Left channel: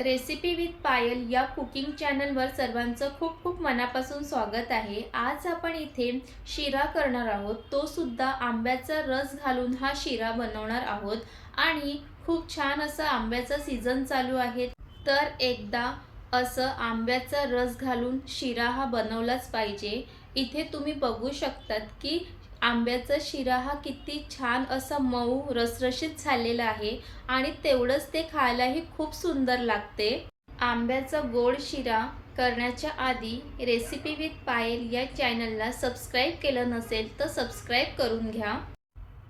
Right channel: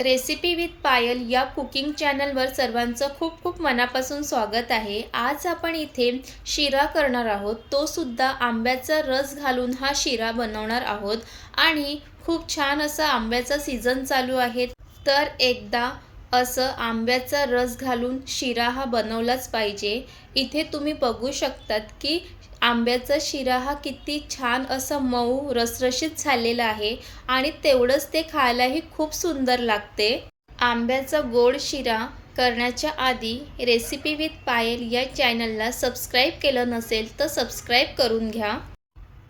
Recipe with पायल या cooking चॅनलवर सर्वांचं खूप खूप मनापासून स्वागत आहे. आज आपण इथे शिरा करणार आहोत. तो सुद्धा आंब्याचा रस घालून हा शिरा बनवणार आहोत. आणि खूप छान असा आंब्याचा सीझन चालू आहे. तर एकदा असं आंब्याचा रस घालून शिरा हा बनवलाच पाहिजे. इथे तुम्ही बघू शकतात की आंब्याचा शिरा हा किती छान असा मऊ रसरशीत झालेला आहे आणि तेवढंच ते खायलाही खूप सुंदर लागते. आंब्याचा गोड शिरा करण्याच्या आधी रेसिपी विथ पायल या चॅनलला सबस्क्राईब केलं नसेल तर सबस्क्राईब करून घ्या.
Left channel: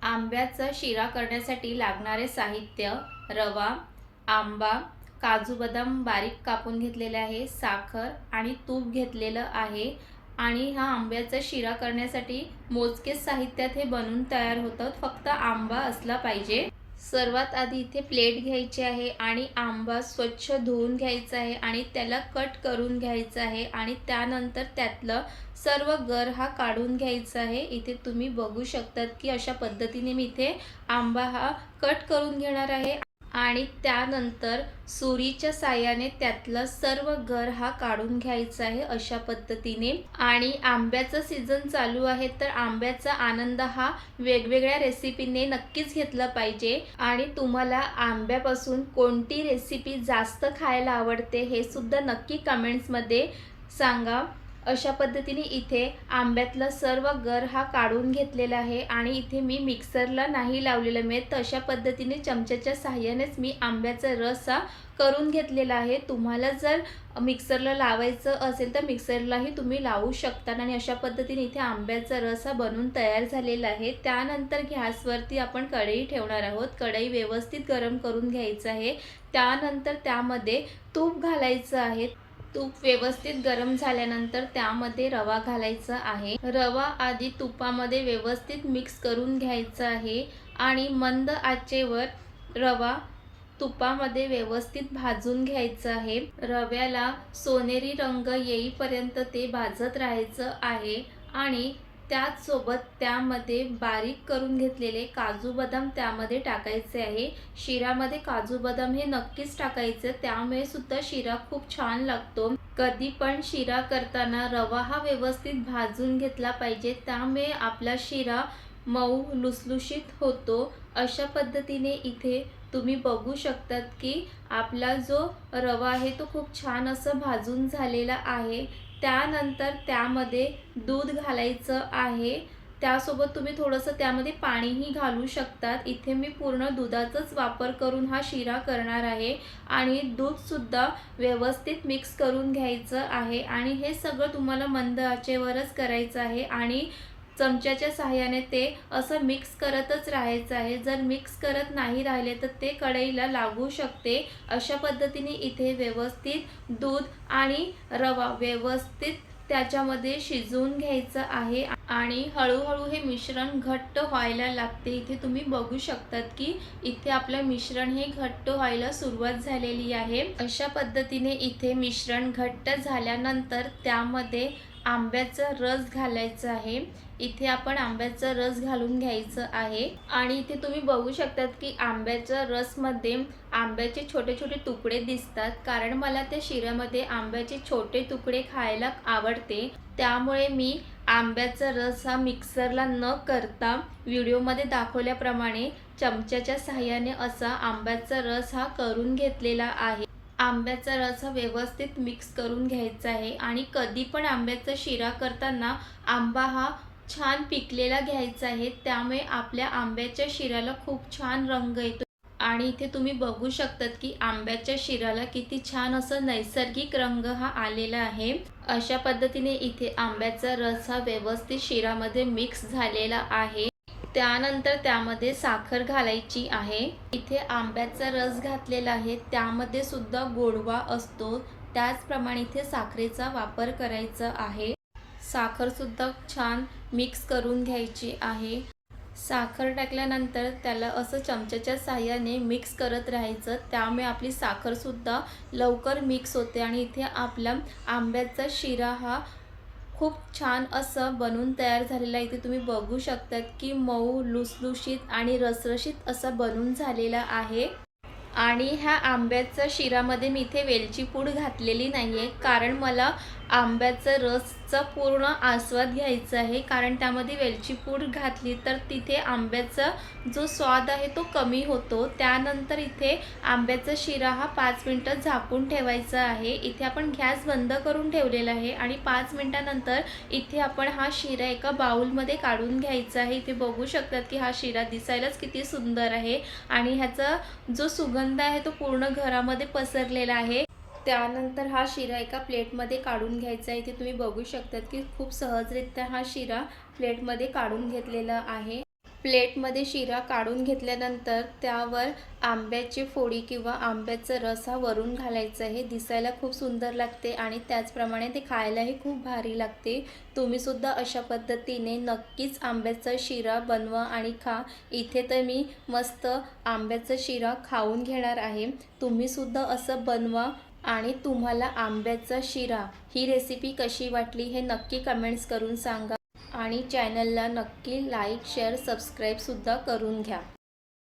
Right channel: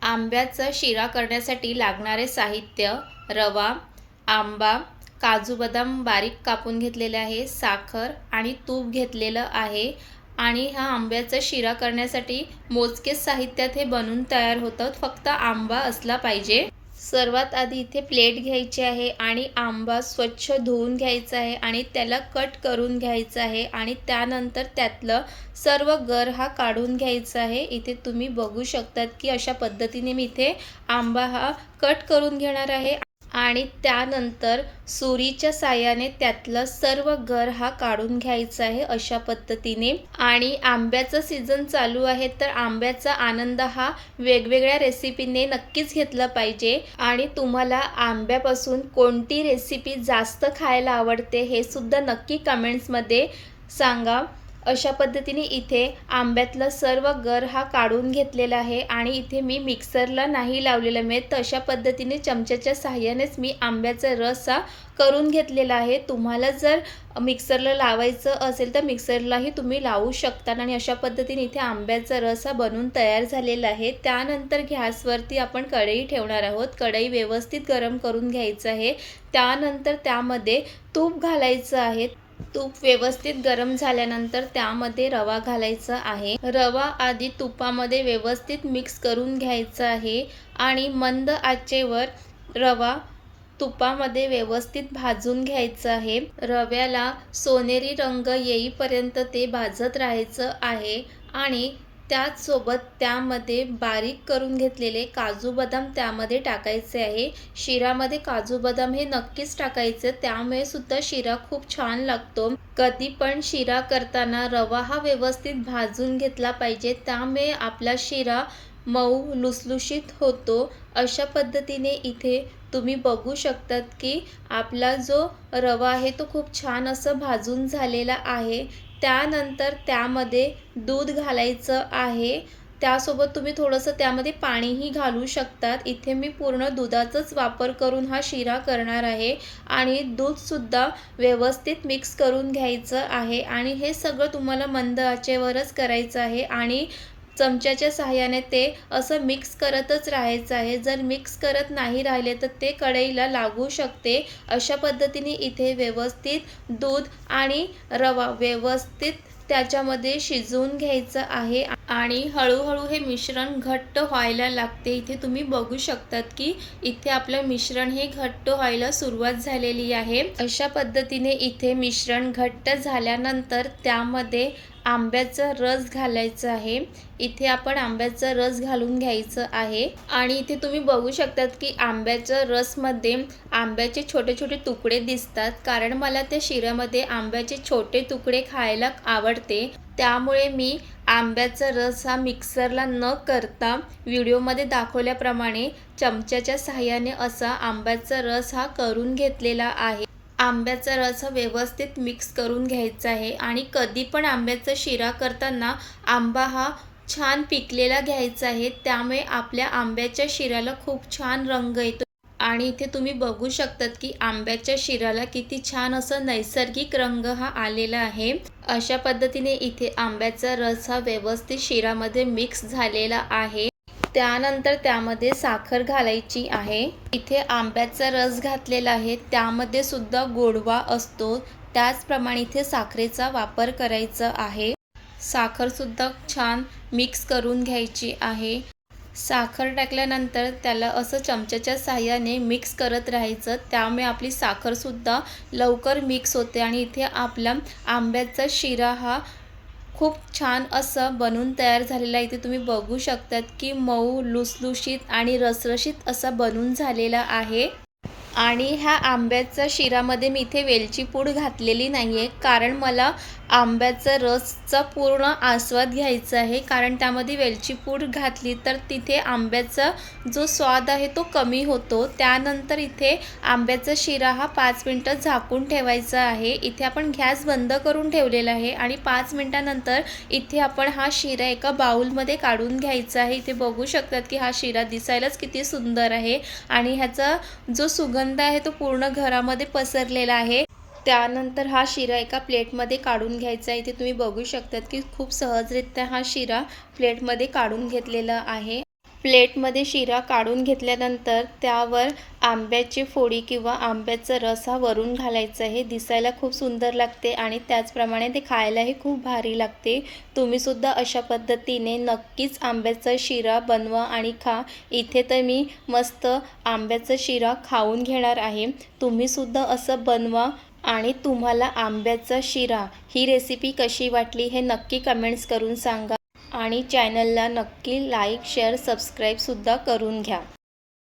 आंब्याचा शिरा करण्यासाठी लागणारे साहित्य रवा आंबा काजू बदाम बारीक कापून घेतलेले आहे साखर आणि तूप घेतलेलं आहे आणि हा आंब्याचा शिरा करण्यासाठी मोजकेच साहित्यात हे बनून तयार होतं. फक्त आंबा असला पाहिजे. सर्वात आधी इथे प्लेट घ्यायची आहे आणि आंबा स्वच्छ धुवून घ्यायचा आहे आणि त्याला कट करून घ्यायचा आहे आणि त्यानंतर त्यातलं सर्व गर हा काढून घ्यायचा आहे. इथे तुम्ही बघू शकतात की अशा पद्धतीने मी इथे आंबा हा कट करून घेणार आहे. आणि त्यानंतर सुरीच्या साह्याने त्यातलं सर्व गर हा काढून घ्यायचा आहे अशा पद्धतीने. आणि आंब्याचं सीझन चालू आहे तर आंब्याचा आनंद हा वेगवेगळ्या रेसिपीने नक्कीच घेतला पाहिजे. आणि तुम्हाला आंब्यापासून कोणती रेसिपी जास्त खायला आवडते हे सुद्धा नक्की कमेंट्समध्ये सांगा. अशा पद्धतीने इथे आंब्यातला सर्व गर हा काढून घेतलेला आहे आणि इथे मी मिक्सरला नाही लावलेला मी तर अशा पद्धतीने चमच्याच्या साह्यानेच मी आंब्याचा रस हा करून घेतलेला आहे. तुम्हाला जर मिक्सरला लावायचं असेल तर मिक्सरलाही तुम्ही लावू शकता आणि अशा पद्धतीने इथे आंब्याचा रस हा बनून तयार झालेला आहे. त्यानंतर गॅसवरती आपण कढई ठेवणार आहोत. कढई व्यवस्थित गरम करून घ्यायचं आहे. त्यानंतर त्यामध्ये तूप घालायचं आहे. तूप व्यवस्थित गरम झाल्यानंतर त्यामध्ये रवा घालायचा आहे. रवा आधी तुपामध्ये व्यवस्थित मिक्स करून घ्यायचा आहे आणि मंद आचेवर रवा तुपामध्ये व्यवस्थित भाजून घ्यायचं आहे. रव्याला सोनेरी रंग येईपर्यंत ते भाजत राहायचं आहे आणि त्याचसोबत त्यामध्ये बारीक करून घेतलेले काजू बदाम त्यामध्ये टाकायचे आहे. शिरामध्ये काजू बदाम हे नक्कीच टाकायचे. त्यामुळे सुद्धा शिरा खूप छान लागतो. कधी पण शिरा करताना रवा हा व्यवस्थित भाजून घेतला पाहिजे. त्यामुळे आपला शिरा मऊ लुसलुशीत होतो. अशा पद्धतीने इथे तुम्ही बघू शकतात की आपला जो रवा आहे तो खूप छान असं भाजून झालेला आहे. त्यानंतर त्यामध्ये दूध घालायचं आहे. त्यासोबत तुम्ही थोडंसं त्यामध्ये पाणीही घालू शकतात. इथे मी पूर्ण दुधाचाच वापर करून हा शिरा करणार आहे आणि दूधसुद्धा व्यवस्थित मिक्स करून घ्यायचं आहे. आणि हे सगळं तुम्हाला मंद आचेवरच करायचं आहे. आणि चमच्याच्या सहाय्याने ते असं मिक्स करतच राहायचं आहे. जर मिक्स करत नाही राहिले तर ते कढईला लागू शकते. अशा पद्धतीने इथे व्यवस्थित दूध आणि रवा व्यवस्थित त्याच्यामध्ये शिजवून घ्यायचं आहे आणि हळूहळू हे मिश्रण घट्ट व्हायला लागते. इथे तुम्ही बघू शकतात की इथे आपलं मिश्रण हे घट्ट व्हायला सुरुवात झालेली आहे. अशा पद्धतीने इथे मिश्रण घट्ट झाल्यानंतर त्यामध्ये आंब्याचा रस घालायचा आहे. इथे आपण आंब्याचा रस घालून घ्यायचं आहे. आणि इथे तुम्ही बघू शकतात की आंब्याच्या रसमध्ये आंब्याचे छोटे छोटे तुकडे दिसतात. कारण मला त्या शिऱ्यामध्ये आंब्याचे छोटे तुकडे खायला आवडते. त्यामुळे मी आंब्याचा रस हा मिक्सरला न करता व्हिडिओमध्ये दाखवल्याप्रमाणे चमच्याच्या सहाय्याने असा आंब्याचा रस हा करून घेतलेला आहे. आंब्याचा रस हा व्यवस्थित मिक्स करून घ्यायचा आहे आणि कधी पण आंब्याचा शिरा करताना आंबा हा छान पिकलेला घ्यायचा आहे. त्यामुळे आपल्या आंब्याच्या शिऱ्याला खूप छान रंग येतो. आणि इथे तुम्ही बघू शकतात की आंब्याच्या शिराला किती छान असं नैसर्गिक रंग हा आलेला आहे. अशा पद्धतीने इथे आंब्याचा रस हा व्यवस्थित शिरामध्ये मिक्स झालेला आहे. त्यानंतर त्यामध्ये साखर घालायची आहे. इथे आंब्याचा रस घातलेला आहे. त्यामध्ये सुद्धा गोडवा असतो. त्याचप्रमाणे इथे साखरेचा वापर करायचा आहे. साखरसुद्धा छान मिक्स करून घ्यायची आहे. साखर टाकल्यानंतर त्याला असं चमच्याच्या साह्याने मिक्स करत राहायचं. त्यामुळे आपली साखरसुद्धा लवकर मिक्स होते आणि इथे आपला आंब्याचा शिरा हा खूप छान असं बनून तयार झालेला इथे तुम्ही बघू शकतात की मऊ लुसलुशीत आणि रसरशीत असं बनून झालेलं आहे. आणि ह्या आंब्याच्या शिरामध्ये मी इथे वेलची पूड घातलेली नाही आहे कारण मला आंब्याचा रसचा पूर्ण आस्वाद घ्यायचा आहे. कारण त्यामध्ये वेलची पूड घातली तर तिथे आंब्याचा जो स्वाद आहे तो कमी होतो. त्यानंतर इथे आंब्याचा शिरा हा पाच मिनटं झाकून ठेवायचा आहे. इथे आपण गॅस बंद करून ठेवलेला आहे आणि पाच मिनटानंतर इथे आपण हा शिरा एका बाउलमध्ये काढून घ्यायचा आहे. इथे बघू शकतात की हा शिरा दिसायलाच किती सुंदर आहे. आणि ह्याचा जो सुगंध आहे तो पूर्ण घरामध्ये पसरलेला आहे. त्यानंतर हा शिरा एका प्लेटमध्ये काढून घ्यायचा आहे. इथे तुम्ही बघू शकतात की खूप सहजरित्या हा शिरा प्लेटमध्ये काढून घेतलेला आहे. प्लेटमध्ये शिरा काढून घेतल्यानंतर त्यावर आंब्याची फोडी किंवा आंब्याचा रस हा वरून घालायचा. हे दिसायला खूप सुंदर लागते आणि त्याचप्रमाणे ते खायलाही खूप भारी लागते. तुम्हीसुद्धा अशा पद्धतीने नक्कीच आंब्याचा शिरा बनवा आणि खा. इथे तर मी मस्त आंब्याचा शिरा खाऊन घेणार आहे. तुम्हीसुद्धा असं बनवा आणि तुम्हाला आंब्याचा शिरा ही रेसिपी कशी वाटली हे नक्की कमेंट्स करून सांगा. आणि चॅनलला नक्की लाईक शेअर सबस्क्राईबसुद्धा करून घ्या.